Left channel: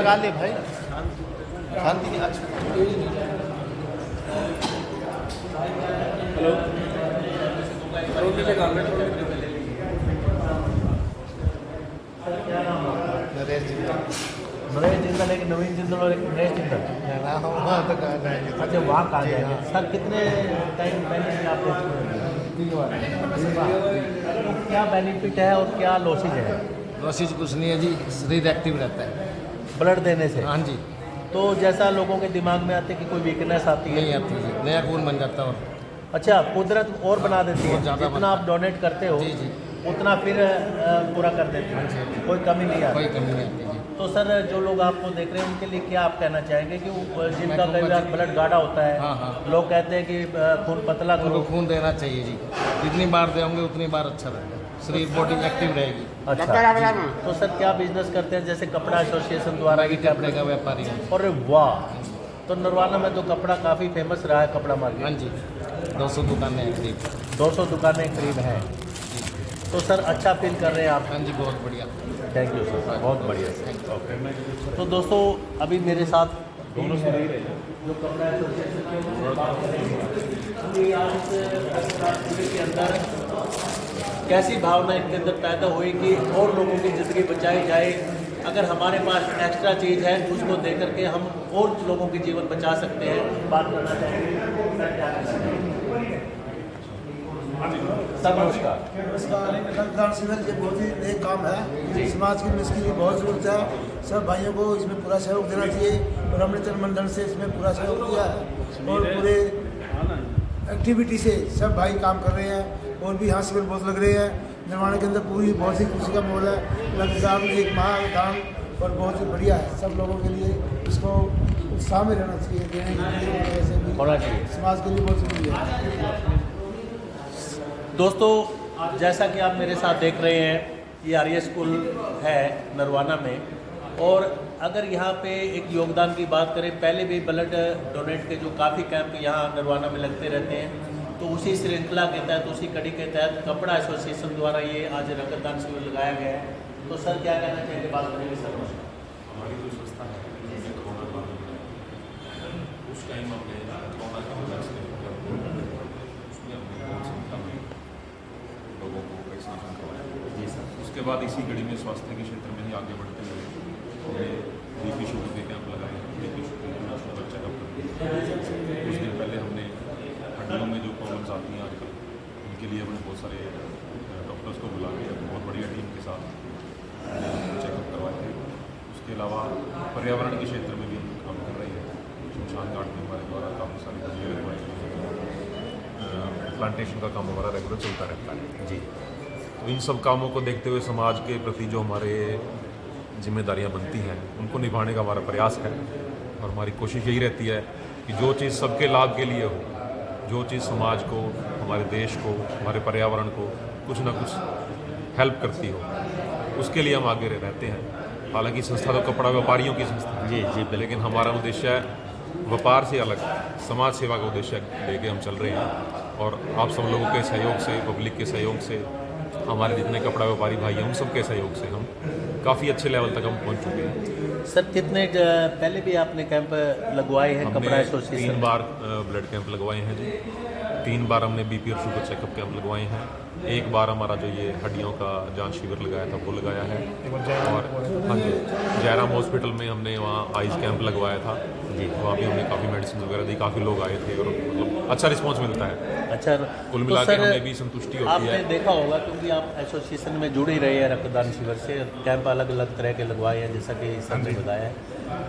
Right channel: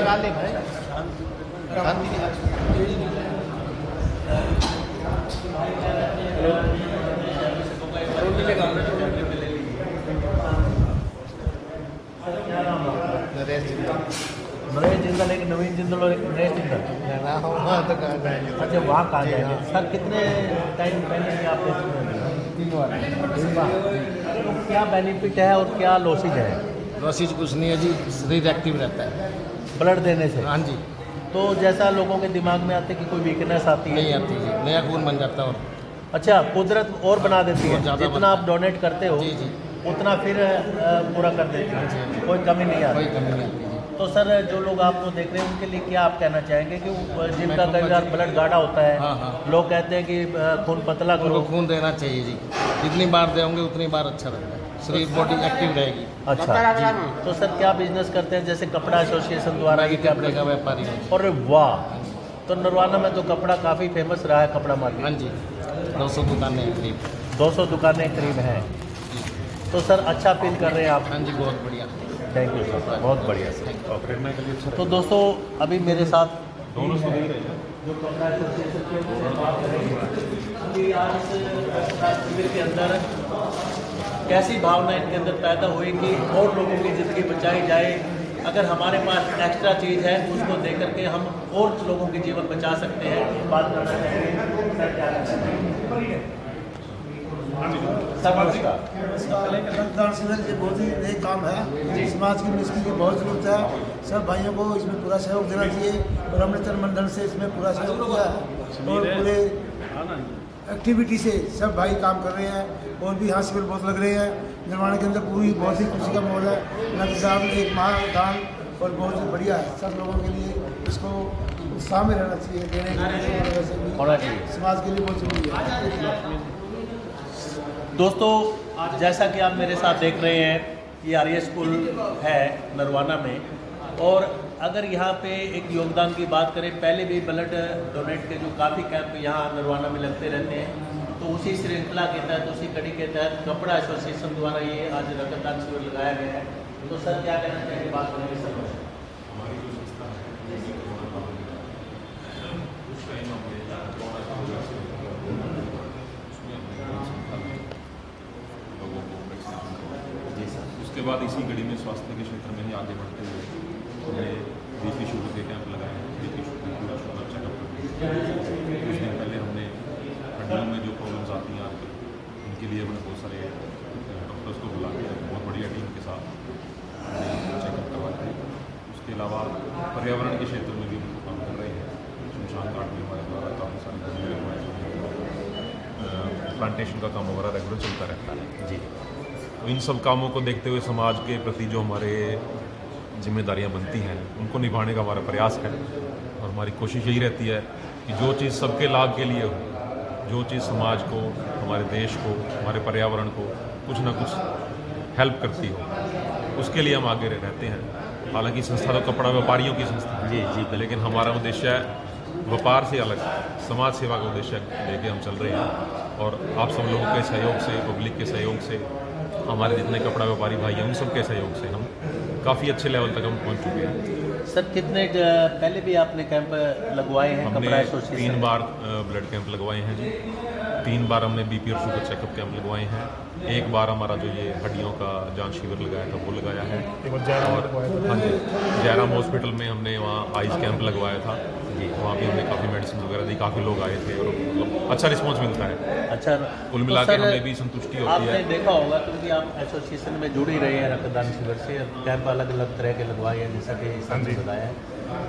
लगा ले भाई, शांति नरेश जिंदल। नरेश जिंदल, एक नवीन जिंदल और एक नरेश जिंदल। वहाँ तक आ जाएंगे। अच्छा, वहाँ कहाँ जाएंगे सर? कितने टाइम पहले से आप क्या बेनिफिट है और क्या लॉसेज है? लॉसेज कुछ नहीं है जी, शरीर एक्टिव रहता है ब्लड देने से। हाँ जी। तो जैसा लोगों के दिमाग में आते कि कोई वीकनेस आती नहीं आती जी, नया खून बन जाता है। और अच्छा, कुदरत और बना देती है, ज़्यादा जितना आप डोनेट करते हो जी जी उतना फिर पूरा कर देती है, कोई कमी नहीं आती। कोई कमी नहीं आती जी। तो सर, जो लोग आपको देख रहे हैं उनके लिए क्या आप कहना चाहेंगे कि जिनका कई बार ब्लड गाढ़ा होता है, हाँ। लोग कहते हैं कि खून पतला करो। उनको खून देना चाहिए जी, जितनी बार देंगे उतनी बार अच्छा रहता है, शरीर बॉडी एक्टिव रहेगी। अच्छा जी। तो सर, क्या बिजनेस करते हैं? जैसे कपड़ा एसोसिएशन द्वारा भी कपड़े का व्यापारी हूँ। अरे वाह! तो नरवाना में तो कपड़ा काफ़ी फेमस रहा है, कपड़ा मार्केट। हाँ जी, 200 दुकानें हैं करीब। 200 दुकानें करीब हैं। तो सर, अच्छा फील कर रहे हैं आप? हाँ जी, बहुत बढ़िया। थैंक यू सर, बहुत बढ़िया सर। ओके। तो दोस्तों, अभी मेरे साथ दोनों है जो कपड़ा एसोसिएशन के बात करेंगे कि आज इस शिविर के अंदर कैसी भावना इनके अंदर पैदा हुई कि और लोगों की ज़िंदगी बचाई जाए। अगर हमारे पास एक्स्ट्रा चीज़ है उसको दे करके हम और लोगों की जीवन बचा सकते हैं। बात करना चाहेंगे सर, क्या करना चाहेंगे सर? नमस्कार। रक्तदान शिविर ये बहुत ही नए काम है, समाज की इसकी भी बहुत जरूरत है। सब भाइयों को इसमें पूरा सहयोग देना चाहिए और हमने तन मंडल से इसमें पूरा सहयोग किया है और पूरे एक्टिविटी से सब भाई काम कर रहे हैं और भी यहाँ शिविर बहुत लग रहे हैं। निर्माण के अंदर पूरी बहुत ही खुशी का माहौल है। रक्तदान एक महादान और बहुत ही बढ़िया है। सब लोगों के लिए इसको उत्साह में रहना चाहिए, देने के लिए वैसे भी समाज के लिए बहुत जरूरी है। दोस्तों, जैसा कि आप मेरे साथ देख रहे हैं, ये आर्य स्कूल है नरवाना में, और अगर यहाँ पे एक योगदान की बात करें, पहले भी ब्लड डोनेट के जो काफ़ी कैंप यहाँ नरवाना में लगते रहते हैं, तो उसी श्रृंखला के तहत, उसी कड़ी के तहत कपड़ा एसोसिएशन द्वारा ये आज रक्तदान शिविर लगाया गया है। तो सर, क्या कहना चाहेंगे? बात करेंगे सर। उसके बाद इसी कड़ी में स्वास्थ्य के क्षेत्र में ही आगे बढ़ते हुए हमने बीपी शुगर के कैंप लगाए हैं। बीपी शुगर चेकअप करते हैं। कुछ दिन पहले हमने हड्डियों में जो प्रॉब्लम्स आती हैं आजकल, उनके लिए हमने बहुत सारे डॉक्टर्स को बुला के बहुत बढ़िया टीम के साथ चेकअप करवाए थे। उसके अलावा पर्यावरण के क्षेत्र में भी काम कर रहे हैं। शमशान घाट में हमारे द्वारा काफ़ी सारी तस्वीरें लगवाई, प्लांटेशन का काम हमारा रेगुलर चलता रहता है जी। तो इन सब कामों को देखते हुए समाज के प्रति जो हमारे जिम्मेदारियां बनती हैं उनको निभाने का हमारा प्रयास है और हमारी कोशिश यही रहती है कि जो चीज़ सबके लाभ के लिए हो, जो चीज़ समाज को, हमारे देश को, हमारे पर्यावरण को कुछ ना कुछ हेल्प करती हो, उसके लिए हम आगे रहते हैं। हालांकि संस्था तो कपड़ा व्यापारियों की संस्था जी, लेकिन हमारा उद्देश्य है व्यापार से अलग समाज सेवा का उद्देश्य लेके हम चल रहे हैं। और आप सब लोगों के सहयोग से, पब्लिक के सहयोग से, हमारे जितने कपड़ा व्यापारी भाई हैं उन सबके सहयोग से हम काफ़ी अच्छे लेवल तक हम पहुंच चुके हैं। सर, कितने पहले भी आपने कैंप लगवाए हैं? हमने 3 बार ब्लड कैंप लगवाए हैं जी। 3 बार हमने बीपी और शुगर चेकअप कैंप लगवाए हैं। 1 बार हमारा जो ये हड्डियों का जांच शिविर लगाया था वो लगाया है। और हाँ जी, जयराम हॉस्पिटल में हमने वहाँ आइस कैंप लगवाया था जी। वहाँ भी हमने काफ़ी मेडिसिन वगैरह दी, काफ़ी लोग आए थे और मतलब अच्छा रिस्पॉन्स मिलता है। अच्छा, कुल मिला के हमें भी संतुष्टि होती है। आपने देखा होगा क्योंकि आप एसोसिएशन में जुड़ ही रहे हैं रक्तदान शिविर से, कैंप अलग अलग तरह के लगवाए हैं जैसा कि आपने बताया है।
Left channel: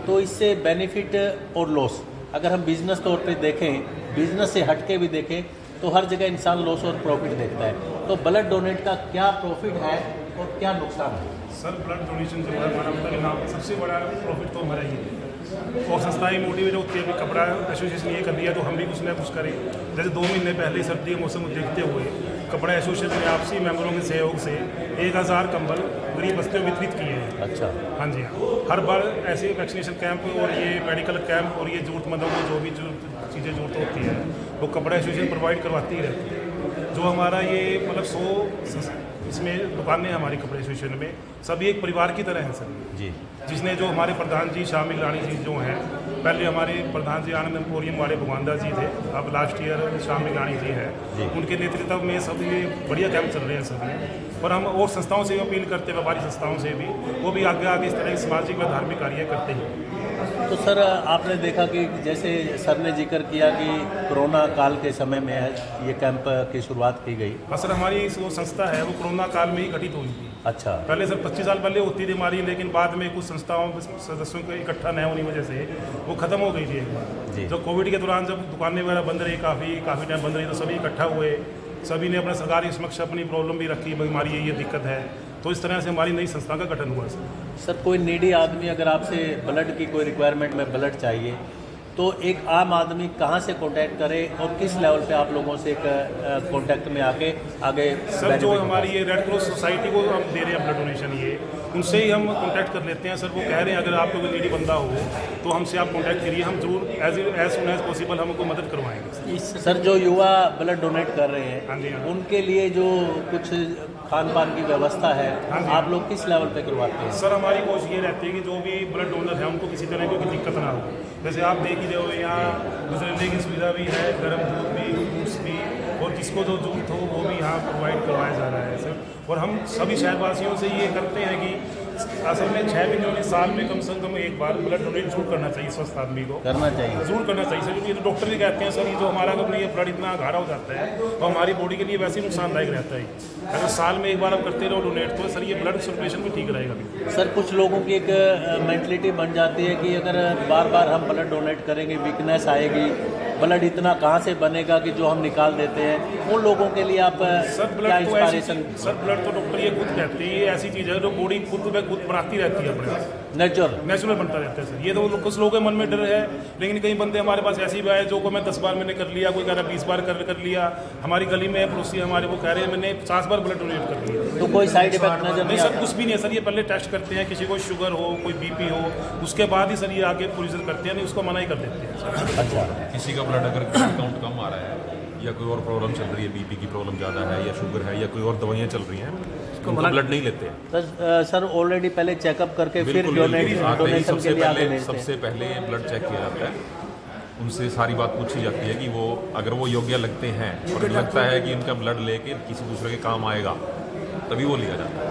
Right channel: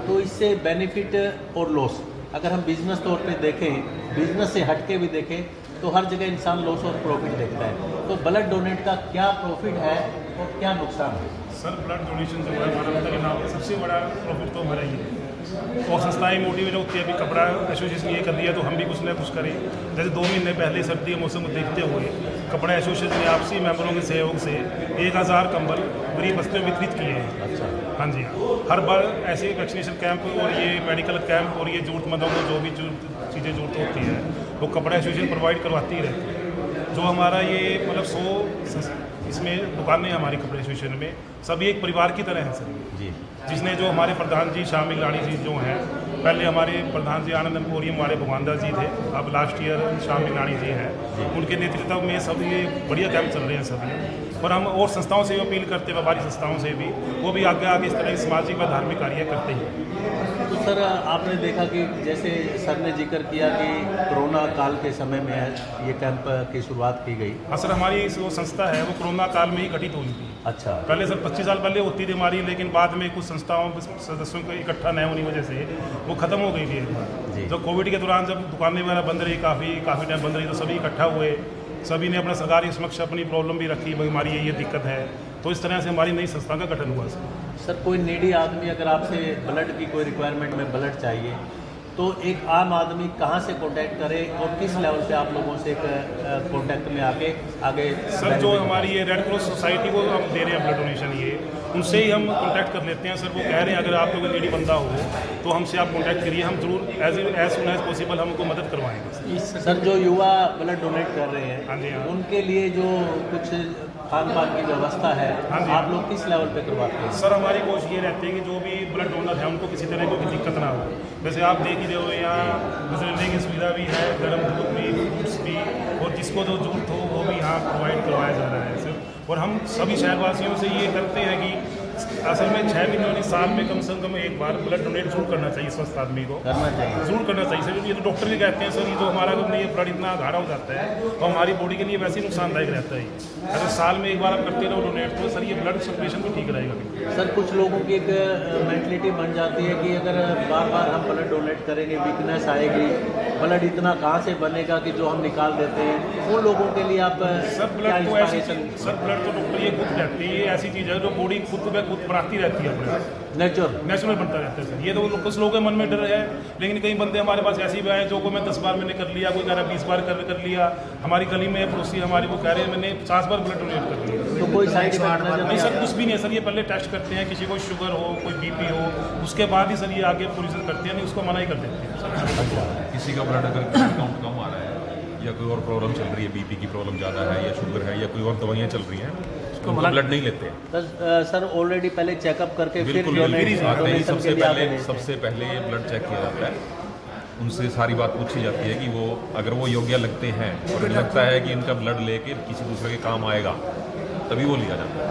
तो इससे बेनिफिट और लॉस अगर हम बिजनेस तौर पे देखें, बिजनेस से हट के भी देखें, तो हर जगह इंसान लॉस और प्रॉफिट देखता है। तो ब्लड डोनेट का क्या प्रॉफिट है और क्या नुकसान है? सर, ब्लड डोनेशन जो है मानवता के नाम सबसे बड़ा प्रॉफिट तो हमारा ही है और संस्थाएं मोटिवेट होती है। अभी कपड़ा एसोसिएशन ये कर दिया तो हम भी कुछ ना कुछ करें। जैसे 2 महीने पहले सर्दी के मौसम को देखते हुए कपड़ा एसोसिएशन ने आपसी मेंबरों के सहयोग से 1000 कंबल गरीब बस्तियों में वितरित किए हैं। अच्छा, हाँ जी हाँ। हर बार ऐसे वैक्सीनेशन कैंप और ये मेडिकल कैंप और ये जरूरतमंदों को जो भी चीज़ें जरूरत होती है वो कपड़ा एसोसिएशन प्रोवाइड करवाती ही रहती है। जो हमारा ये मतलब 100 इसमें दुकानें हमारी कपड़े एसोसिएशन में सभी एक परिवार की तरह हैं सर जी। जिसने जो हमारे प्रधान जी शामिल रानी जी जो हैं, पहले हमारे प्रधान जी आनंद एम्पोरियम वाले भगवानदास जी थे, अब लास्ट ईयर शामिल रानी जी हैं, उनके नेतृत्व में सब ये बढ़िया कैंप चल रहे हैं सभी। और हम और संस्थाओं से भी अपील करते हैं, व्यापारी संस्थाओं से भी, वो भी आगे आगे इस तरह के सामाजिक व धार्मिक कार्य करते हैं। तो सर आपने देखा कि जैसे सर ने जिक्र किया कि कोरोना काल के समय में ये कैंप की शुरुआत की गई। हाँ सर, हमारी जो संस्था है वो कोरोना काल में ही गठित हुई थी। अच्छा। पहले सर 25 साल पहले होती थी हमारी, लेकिन बाद में कुछ संस्थाओं सदस्यों को इकट्ठा न होने की वजह से वो खत्म हो गई थी एक बार। जब कोविड के दौरान जब दुकानें वगैरह बंद रही, काफ़ी टाइम बंद रही, तो सभी इकट्ठा हुए, सभी ने अपना सरकारी समक्ष अपनी प्रॉब्लम भी रखी, भाई हमारी ये दिक्कत है, तो इस तरह से हमारी नई संस्था का गठन हुआ सर। कोई नीडी आदमी अगर आपसे ब्लड की कोई रिक्वायरमेंट में ब्लड चाहिए तो एक आम आदमी कहाँ से कांटेक्ट करे और किस लेवल पे आप लोगों से कांटेक्ट में आके आगे? सर जो हमारी ये रेड क्रॉस सोसाइटी को हम दे रहे हैं ब्लड डोनेशन, ये उनसे ही हम कांटेक्ट कर लेते हैं सर। वो कह रहे हैं अगर आपको कोई नीडी बंदा हो तो हमसे आप कांटेक्ट करिए, हम जरूर एज सुन एज पॉसिबल हम उनको मदद करवाएंगे। सर जो युवा ब्लड डोनेट कर रहे हैं, हाँ जी, हाँ, उनके लिए जो कुछ खान पान की व्यवस्था है, हाँ जी, आप लोग किस लेवल पे करवाते हैं? सर हमारी कोशिश ये रहती है कि जो भी ब्लड डोनर है उनको किसी तरह की कोई दिक्कत ना हो। जैसे आप देख ही रहे हो यहाँ गुजरने की सुविधा भी है, गर्म दूध भी, फ्रूट्स भी, और जिसको जो जरूरत हो वो भी यहाँ प्रोवाइड करवाया जा रहा है सर। और हम सभी शहरवासियों से ये करते हैं कि असल में 6 महीनों में साल में कम से कम एक बार ब्लड डोनेट जरूर करना चाहिए, स्वस्थ आदमी को जरूर करना चाहिए सर। क्योंकि ये तो डॉक्टर भी कहते हैं सर, ये जो हमारा अगर ये ब्लड इतना गाढ़ा हो जाता है तो हमारी बॉडी के लिए वैसे ही नुकसानदायक रहता है। अगर साल में एक बार आप करते रहो डोनेट तो सर ये ब्लड सर्कुलेशन भी ठीक रहेगा। सर कुछ लोगों की एक मेंटलिटी बन जाती है कि अगर बार बार हम ब्लड डोनेट करेंगे वीकनेस आएगी, ब्लड इतना कहाँ से बनेगा कि जो हम निकाल देते हैं, उन लोगों के लिए आप सर ब्लड तो ऐसी सर ब्लड तो डॉक्टर ये खुद कहते हैं ये ऐसी चीज़ है जो बॉडी खुद बनाती रहती है, नेचुरल बनता रहता है सर। ये तो कुछ लोगों के मन में डर है, लेकिन कई बंदे हमारे पास ऐसे भी आए जो को मैं 10 बार मैंने कर लिया, कोई कह रहा 20 बार कर लिया। हमारी गली में पड़ोसी हमारे को कह रहे हैं मैंने 50 बार ब्लड डोनेट कर लिया। कोई साइड इफेक्ट नहीं सर, कुछ भी नहीं है सर। ये पहले टेस्ट करते हैं, किसी को शुगर हो, कोई बीपी हो, उसके बाद ही सर ये आगे प्रोसीजर करते हैं, नहीं उसको मना ही कर देते हैं। किसी का ब्लड अगर काउंट कम आ रहा है या कोई और प्रॉब्लम चल रही है, बीपी की प्रॉब्लम ज़्यादा है या शुगर है या कोई और दवाइयाँ चल रही हैं, उसको ब्लड नहीं लेते हैं सर। ऑलरेडी पहले चेकअप करके फिर सबसे पहले ब्लड चेक किया जाता है, उनसे सारी बात पूछी जाती है कि वो अगर वो योग्य लगते हैं और लगता है कि इनका ब्लड लेके किसी दूसरे के काम आएगा तभी वो लिया जाता है।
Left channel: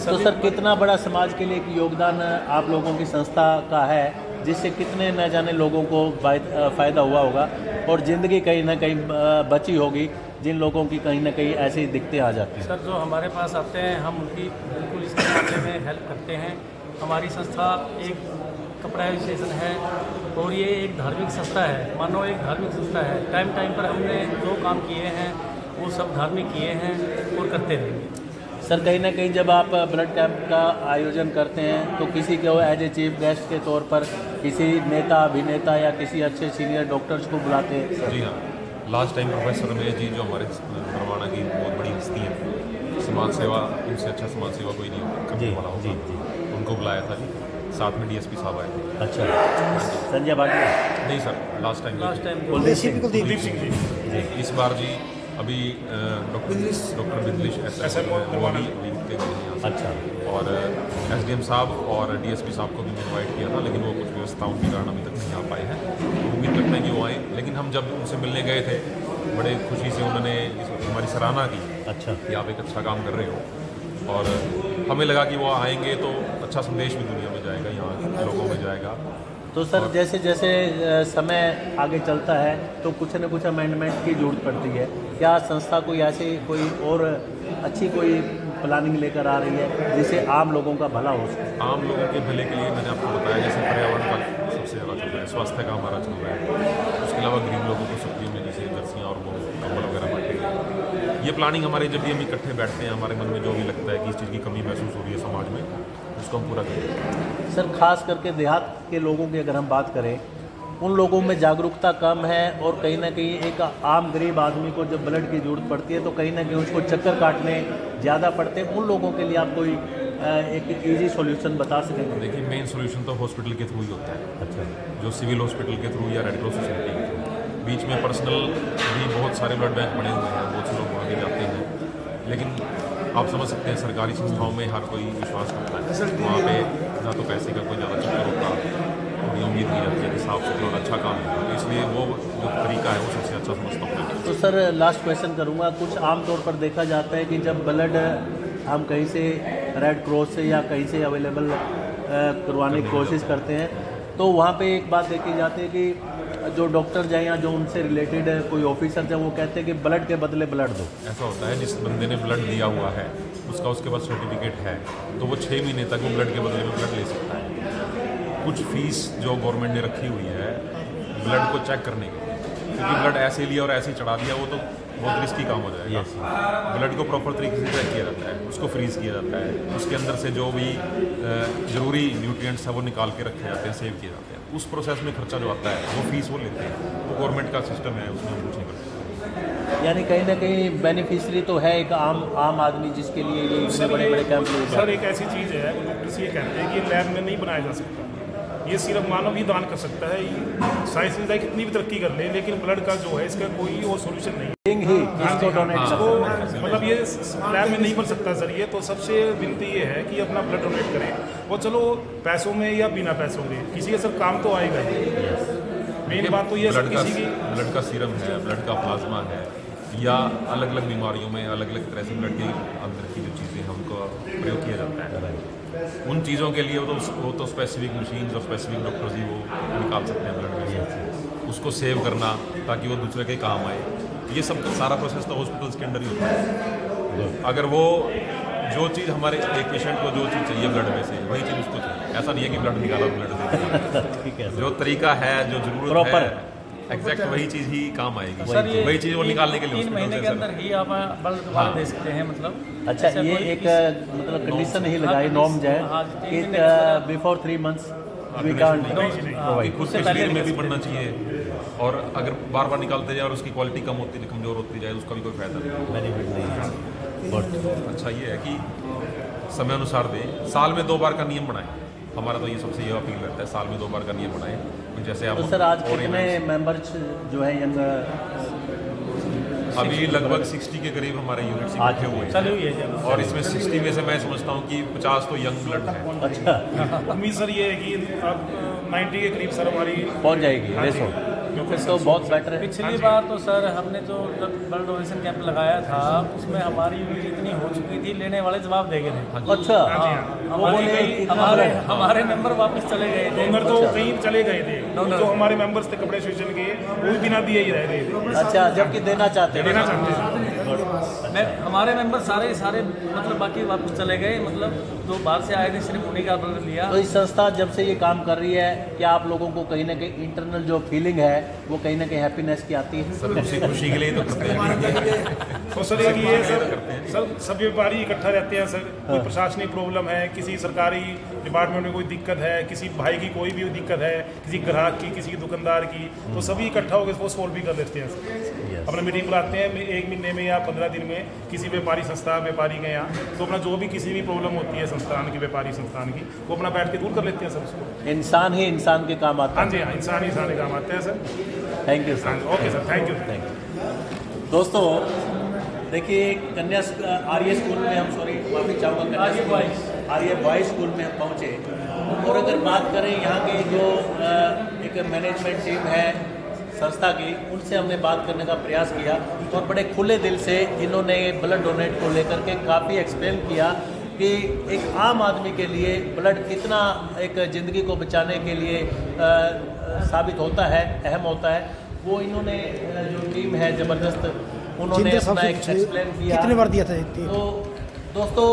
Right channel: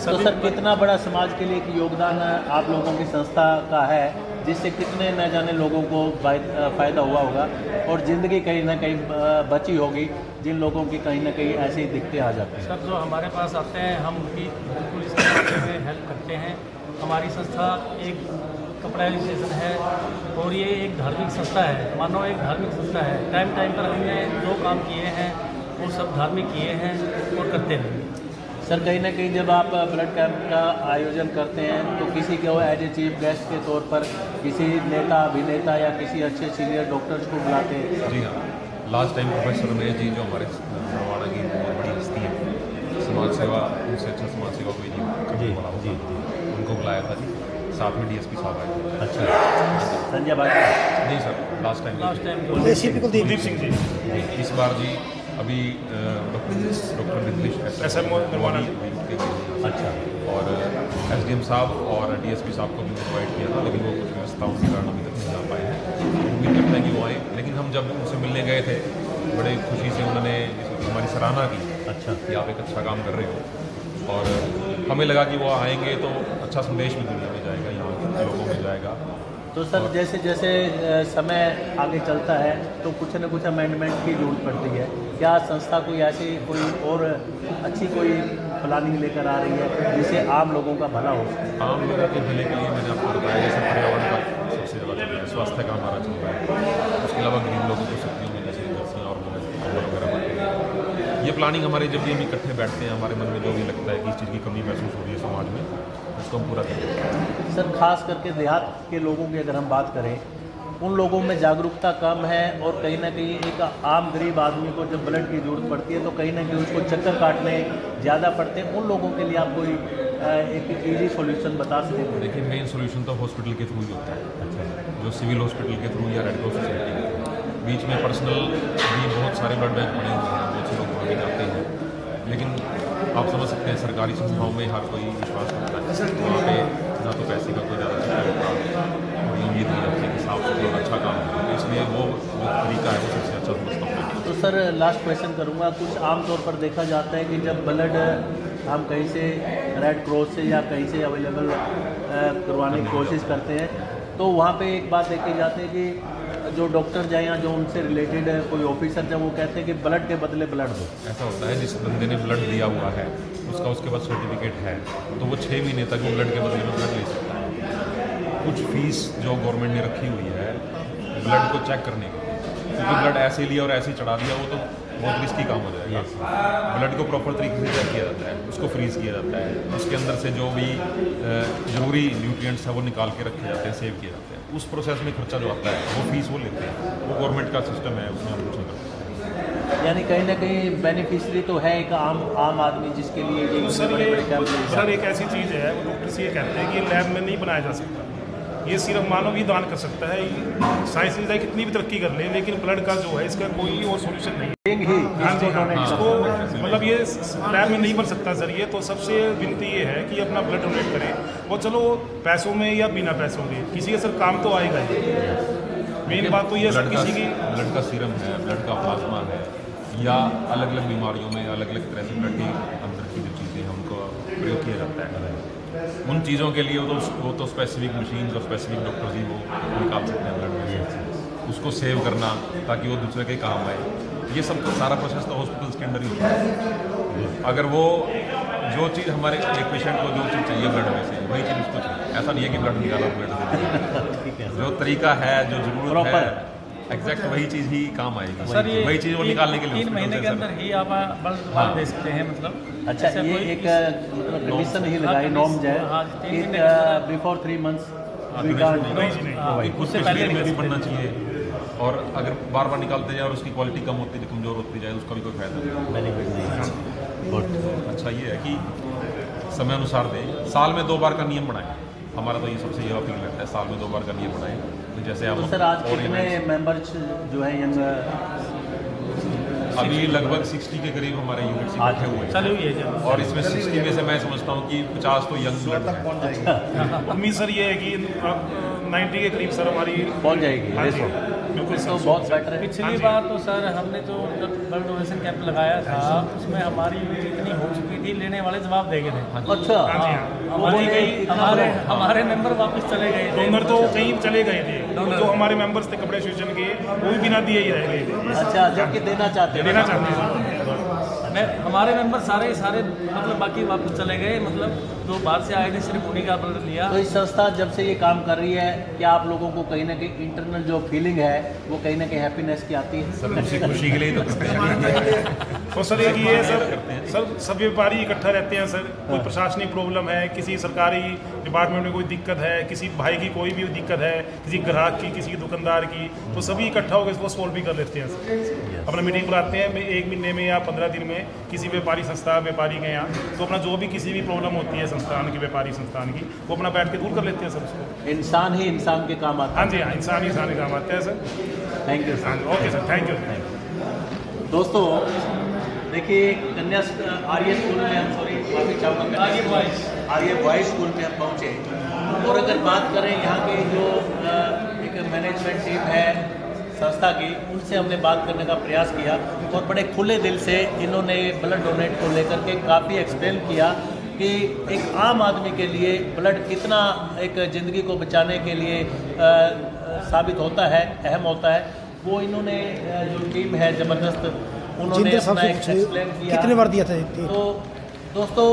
तो सर कितना बड़ा समाज के लिए एक योगदान आप लोगों की संस्था का है, जिससे कितने न जाने लोगों को फ़ायदा हुआ होगा और ज़िंदगी कहीं ना कहीं बची होगी जिन लोगों की कहीं ना कहीं ऐसी दिक्कतें आ जाती हैं। सर जो हमारे पास आते हैं हम उनकी बिल्कुल इस तरीके में हेल्प करते हैं। हमारी संस्था एक कपड़ा एसोसिएशन है और ये एक धार्मिक संस्था है, मानो एक धार्मिक संस्था है। टाइम पर हमने जो काम किए हैं वो सब धार्मिक किए हैं और करते रहेंगे। सर कहीं ना कहीं जब आप ब्लड कैंप का आयोजन करते हैं तो किसी को एज ए चीफ गेस्ट के तौर पर किसी नेता अभिनेता या किसी अच्छे सीनियर डॉक्टर्स को बुलाते हैं? जी हाँ, last time professor Ramesh ji जो हमारे नरवाना की बहुत बड़ी हस्ती है, समाज सेवा, उनसे अच्छा समाज सेवा कोई नहीं करने वाला होगा, उनको बुलाया था जी। साथ में DSP साहब आए थे। अच्छा, संजय भाटिया नहीं sir, last time Kuldeep Singh ji. इस बार जी अभी डॉक्टर बिजलिश नरवाना अच्छा, और SDM साहब और DSP साहब को भी इन्वाइट किया था, लेकिन वो कुछ व्यवस्थाओं के कारण अभी तक नहीं आ पाए हैं। दिक्कत नहीं कि वो आए, लेकिन हम जब उनसे मिलने गए थे बड़े खुशी से उन्होंने हमारी सराहना की। अच्छा, कि आप एक अच्छा काम कर रहे हो, और हमें लगा कि वो आएंगे तो अच्छा संदेश भी दुनिया में जाएगा, यहाँ के लोगों में जाएगा। तो सर जैसे जैसे समय आगे चलता है तो कुछ न कुछ अमेंडमेंट की जरूरत पड़ती है। क्या संस्था कोई ऐसी कोई और अच्छी कोई प्लानिंग लेकर आ रही है जिससे आम लोगों का भला हो सके? आम लोगों के भले के लिए मैंने आपको बताया, जैसे पर्यावरण का सबसे ज़्यादा चल रहा है, स्वास्थ्य का हमारा चल रहा है, उसके अलावा गरीब लोगों को सब्जियों में जैसे जर्सियाँ और कंबल वगैरह बांटे हैं। ये प्लानिंग हमारे जब भी हम इकट्ठे बैठते हैं, हमारे मन में जो भी लगता है कि इस चीज़ की कमी महसूस हो रही है समाज में, उसको हम पूरा करें। सर खास करके देहात के लोगों की अगर हम बात करें, उन लोगों में जागरूकता कम है और कहीं ना कहीं एक आम गरीब आदमी को जब ब्लड की जरूरत पड़ती है तो कहीं ना कहीं उसको चक्कर काटने ज़्यादा पड़ते हैं। उन लोगों के लिए आप कोई एक ईजी सॉल्यूशन बता सकेंगे? देखिए, मेन सॉल्यूशन तो हॉस्पिटल के थ्रू ही होता है। अच्छा, जो सिविल हॉस्पिटल के थ्रू या रेड क्रॉस सोसाइटी के थ्रू, बीच में पर्सनल भी बहुत सारे ब्लड बैंक बने हुए हैं, बहुत से लोग आगे जाते हैं, लेकिन आप समझ सकते हैं सरकारी संस्थाओं में हर कोई विश्वास करता है, वहाँ पे ना तो पैसे का कोई ज़्यादा चक्कर होता और उम्मीद नहीं लगती कि साफ सुथरा और अच्छा काम होगा, तो इसलिए वो जो तरीका है वो सबसे अच्छा समझता हूँ। तो सर लास्ट क्वेश्चन करूँगा, कुछ आमतौर पर देखा जाता है कि जब ब्लड हम कहीं से रेड क्रॉस से या कहीं से अवेलेबल करवाने की कोशिश करते हैं, तो वहाँ पे एक बात देखी जाती है कि जो डॉक्टर जाए या जो उनसे रिलेटेड कोई ऑफिसर जब वो कहते हैं कि ब्लड के बदले ब्लड दो। ऐसा होता है जिस बंदे ने ब्लड दिया हुआ है उसका उसके पास सर्टिफिकेट है तो वो 6 महीने तक वो ब्लड के बदले में ब्लड ले सकता है। कुछ फीस जो गवर्नमेंट ने रखी हुई है ब्लड को चेक करने की, क्योंकि ब्लड ऐसे लिया और ऐसे चढ़ा दिया वो तो बहुत रिस्की काम हो जाएगा। ब्लड को प्रॉपर तरीके से चेक किया जाता है, उसको फ्रीज किया जाता है, उसके अंदर से जो भी ज़रूरी न्यूट्रिएंट्स है वो निकाल के रखे जाते हैं, सेव किए जाते हैं। उस प्रोसेस में खर्चा जो आता है वो फीस वो लेते हैं, वो गवर्नमेंट का सिस्टम है, उसमें हम कुछ नहीं करते। यानी कहीं ना कहीं बेनिफिशियरी तो है एक आम आदमी जिसके लिए ये बड़े बड़े कैंप। सर एक ऐसी चीज़ है डॉक्टर से ये कहते हैं कि लैब में नहीं बनाया जा सकता, ये सिर्फ मानव ही दान कर सकता है। साइंस ने कितनी भी तरक्की कर ले लेकिन ब्लड का जो है इसका कोई और सॉल्यूशन नहीं है। हाँ जी हाँ, इसको मतलब ये लैब में नहीं बन सकता सर। ये तो सबसे विनती ये है कि अपना ब्लड डोनेट करें, वो चलो पैसों में या बिना पैसों के किसी का सर काम तो आएगा ही। मेन बात तो ये सर किसी की ब्लड का सीरम है, ब्लड का प्लाज्मा है, या अलग अलग बीमारियों में अलग अलग तरह से ब्लड के अंदर की जो चीज़ें हैं उनको प्रयोग किया जाता है। उन चीज़ों के लिए वो तो स्पेसिफिक मशीन और स्पेसिफिक डॉक्टर ही वो निकाल सकते हैं ब्लड, उसको सेव करना ताकि वो दूसरे के काम आए। ये सब तो सारा प्रोसेस तो हॉस्पिटल्स के अंदर ही होता है। अगर वो जो चीज़ हमारे एक पेशेंट को जो चीज़ चाहिए ब्लड में से वही चीज़ उसको चाहिए, ऐसा नहीं है कि ब्लड निकाला ब्लड जो तरीका है जो जरूरत है एग्जैक्ट वही चीज़ ही काम आएगी। सर ये वही चीज़ वो निकालने के लिए 3 महीने के अंदर ही आप ब्लड दे सकते हैं मतलब। अच्छा ये एक मतलब कंडीशन ही लगाई नॉर्म्स है बिफोर 3 मंथ्स वी कांट खुद से पहले में भी पढ़ना चाहिए, और अगर बार बार निकालते जाए और उसकी क्वालिटी कम होती कमज़ोर होती जाए उसका भी कोई फायदा नहीं। अच्छा ये है कि समय अनुसार दें, साल में 2 बार का नियम बनाएं। हमारा तो ये सबसे यह अपील रहता है, साल में 2 बार का नियम बनाएं। तो जैसे आप तो सर आज कितने मेंबर्स जो है यंग अभी लगभग 60 के करीब हमारे यूनिट्स बैठे हुए हैं चालू ही है जब, और इसमें 60 में से मैं समझता हूँ कि 50 तो यंग ब्लड है। उम्मीद सर ये है कि अब 90 के करीब सर हमारी पहुंच जाएगी। हाँ जी बिल्कुल तो सर। बहुत बेटर है। पिछली बार तो सर हमने जो ब्लड डोनेशन कैंप लगाया था उसमें हमारी यूनिट इतनी हो चुकी थी, लेने वाले जवाब दे गए थे। अच्छा हाँ जी हाँ, हमारे मेंबर वापस चले गए थे। डोनर तो कहीं चले गए थे, जो हमारे मेंबर्स थे कपड़े एसोसिएशन के वो भी बिना दिए ही रह गए थे। अच्छा जबकि देना चाहते थे। हमारे मेंबर सारे मतलब बाकी वापस चले गए, मतलब जो बाहर से आए थे सिर्फ उन्हीं का ब्लड लिया। तो इस संस्था जब से ये काम कर रही है क्या आप लोगों को कहीं ना कहीं इंटरनल जो फीलिंग है वो कहीं ना कहीं हैप्पीनेस की आती है? सर खुशी के लिए तो करते हैं। तो सर एक ये सर सब व्यापारी इकट्ठा रहते हैं सर। कोई प्रशासनिक प्रॉब्लम है, किसी सरकारी डिपार्टमेंट में कोई दिक्कत है, किसी भाई की कोई भी दिक्कत है, किसी ग्राहक की, किसी दुकानदार की, तो सभी इकट्ठा होकर वो सॉल्व भी कर लेते हैं सर। अपना मीटिंग बुलाते हैं 1 महीने में या 15 दिन में, किसी व्यापारी संस्था व्यापारी के यहाँ, तो अपना जो भी किसी भी प्रॉब्लम होती है संस्थान की, व्यापारी संस्थान की, वो अपना बैठ के दूर कर लेते हैं सर उसको। इंसान ही इंसान के काम आता है। हाँ जी हाँ, इंसान ही इंसान के काम आते हैं सर। थैंक यू हाँ ओके सर, थैंक यू। दोस्तों देखिए कन्या आर्य स्कूल में हम माफी चाहूँगा आर्य बॉयज स्कूल में हम पहुँचे, और अगर बात करें यहाँ के जो एक मैनेजमेंट टीम है संस्था की, उनसे हमने बात करने का प्रयास किया और बड़े खुले दिल से इन्होंने ब्लड डोनेट को लेकर के काफ़ी एक्सप्लेन किया कि एक आम आदमी के लिए ब्लड कितना एक ज़िंदगी को बचाने के लिए साबित होता है, अहम होता है। वो इन्होंने जो टीम है ज़बरदस्त, उन्होंने अपना एक्सप्लेन किया। कितने बार दिया था? तो दोस्तों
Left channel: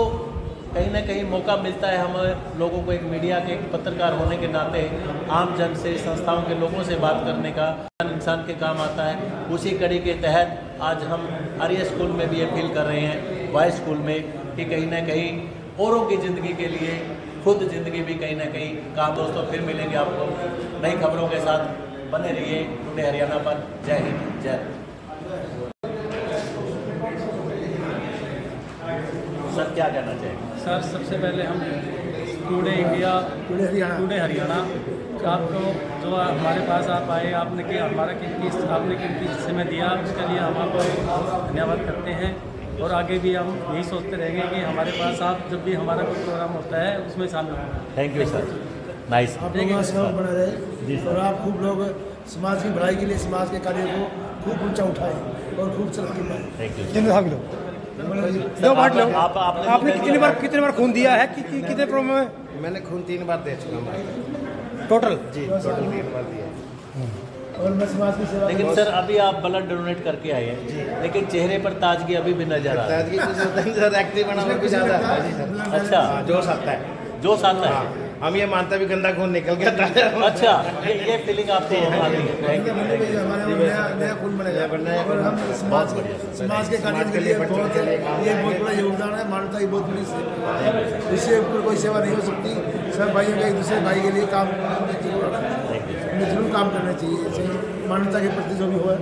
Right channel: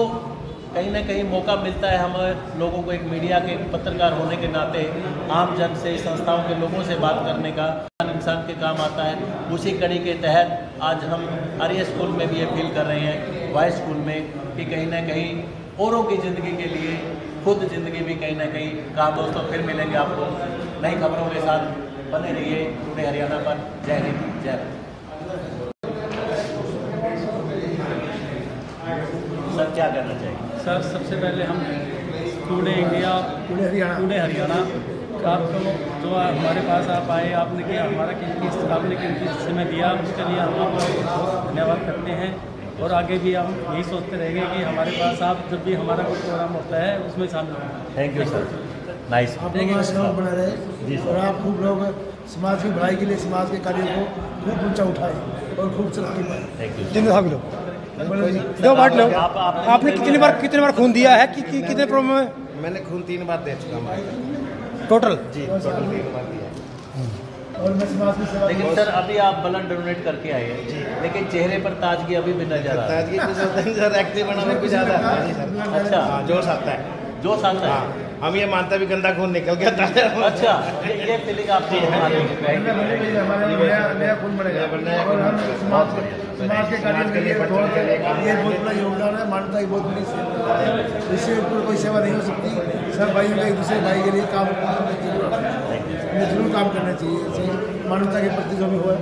कहीं ना कहीं मौका मिलता है हम लोगों को एक मीडिया के पत्रकार होने के नाते आम जन से, संस्थाओं के लोगों से बात करने का, इंसान के काम आता है। उसी कड़ी के तहत आज हम आर्य स्कूल में भी अपील कर रहे हैं, बॉयज स्कूल में, कि कहीं ना कहीं औरों की ज़िंदगी के लिए खुद ज़िंदगी भी कहीं ना कहीं काम हो। तो फिर मिलेंगे आपको नई खबरों के साथ, बने रहिए टुडे हरियाणा पर। जय हिंद, जय। सर क्या कहना चाहिए? सर सबसे पहले हम टुडे इंडिया, टुडे हरियाणा आपको जो हमारे पास आप आए, आपने कीमती समय दिया, उसके लिए हम आपको बहुत धन्यवाद करते हैं। और आगे भी हम यही सोचते रहेंगे कि हमारे पास आप जब भी हमारा कोई प्रोग्राम होता है उसमें शामिल हों। Thank you sir, nice. आप लोगों का सहयोग बने रहे और आप खूब लोग समाज की भलाई के लिए समाज के कार्य को खूब ऊंचा उठाए और खूब तरक्की पाए। जिन भाग लो, दो बांट लो। आपने कितनी बार खून दिया है? कितने प्रॉब्लम में? मैंने खून 3 बार दे चुका हूँ टोटल? जी, टोटल 3 बार दिया है। और मैं समाज की सेवा। लेकिन सर अभी आप ब्लड डोनेट करके आए हैं, लेकिन चेहरे पर ताजगी अभी भी नजर आ रहा है। ताजगी कुछ होता है सर, एक्टिव बना और भी ज़्यादा आता है जी सर। अच्छा, हाँ, जोश आता है। जोश आता है। हाँ, हम ये मानते भी गंदा खून निकल गया था। अच्छा, ये फीलिंग आपकी है। हमारा नया खून बनेगा और हम समाज के कार्य के लिए बहुत ये बहुत बड़ा योगदान है। मानवता की बहुत बड़ी सेवा है, इससे ऊपर कोई सेवा नहीं हो सकती। सब भाइयों का एक दूसरे भाई के लिए काम जरूर काम करना चाहिए, मानवता के प्रति जो भी हो।